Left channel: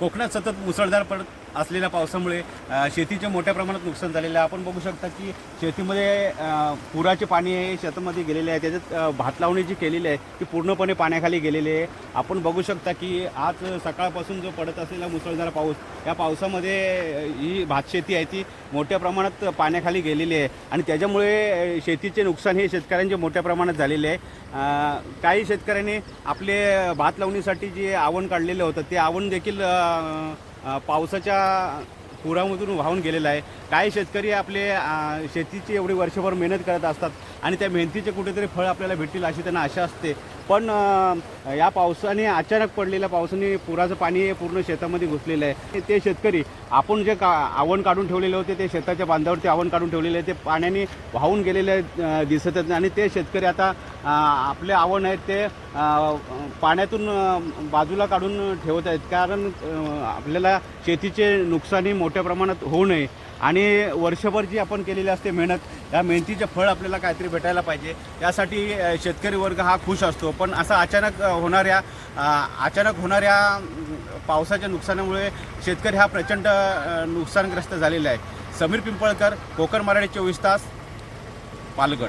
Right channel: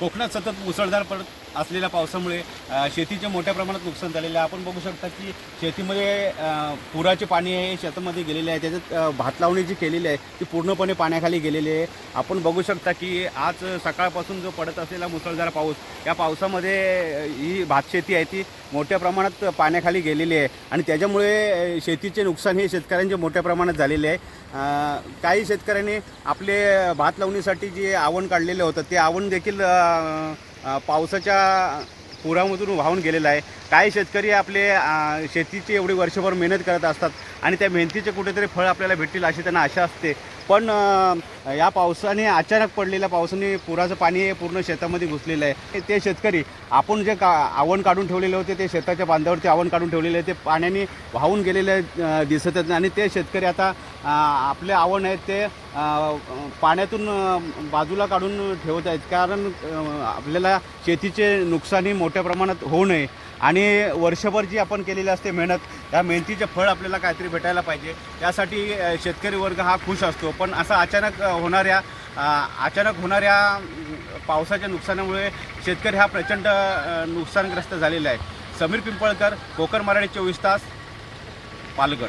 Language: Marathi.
कोकणात सतत मुसळधार पडत असलेल्या पावसामुळे शेतीचे मोठ्या प्रमाणात नुकसान झालेलं आहे. आपण बघू शकता की शेतीमध्ये पुराचे पाणी हे शेतामध्ये गेलेले आहे. त्याच्यात भात लावणी जी केलेली आहे ती पूर्णपणे पाण्याखाली गेलेली आहे. आपण बघू शकता की आज सकाळपासून जो पडत असलेला मुसळधार पाऊस या पावसामध्ये ही भातशेती आहे ती मोठ्या प्रमाणात पाण्याखाली गेलेली आहे. आणि त्याच्यामुळे शेतीचे नुकसान हे शेतकऱ्यांचे मोठ्या प्रमाणात झालेले आहे. काही शेतकऱ्यांनी आपले भात लावणीसाठी जे आवण काढलेलं होतं ते आवण देखील पावसाच्या पुरामधून वाहून गेलेला आहे. काही शेतकरी आपले शेतीची एवढी वर्षभर मेहनत करत असतात आणि त्या मेहनतीचे कुठेतरी फळ आपल्याला भेटतील अशी त्यांना आशा असते. पण या पावसाने अचानक पडलेल्या पावसाने पुराचं पाणी हे पूर्ण शेतामध्ये घुसलेलं आहे. ते शेतकरी आपण जे का आवण काढून ठेवलेले होते ते शेताच्या बांधावरती आवण काढून ठेवलेले आहे ते पाण्याने वाहून गेलेले दिसत आहेत. आणि ते शेतकरी आता आपले आवण आहेत ते पाण्यातून बाजूला काढून ठेवत आहेत. कारण आपल्याला शेतीचे नुकसानी मोठ्या प्रमाणात होऊ नये. आणि आणि वर्षभर जी आपण केलेली असते मेहनत या मेहनतीचे फळ आपल्याला काहीतरी भेटायला पाहिजे. यासाठी शेतकरी वर्ग हा खुश असतो. पण असं अचानक होणाऱ्या अचानक होणाऱ्या पावसाच्या नुकसानामुळे शेतकरी हा प्रचंड नुकसानग्रस्त झालेला आहे. समीर पिंपळकर कोकण मराठी चोवीस तास पालघर.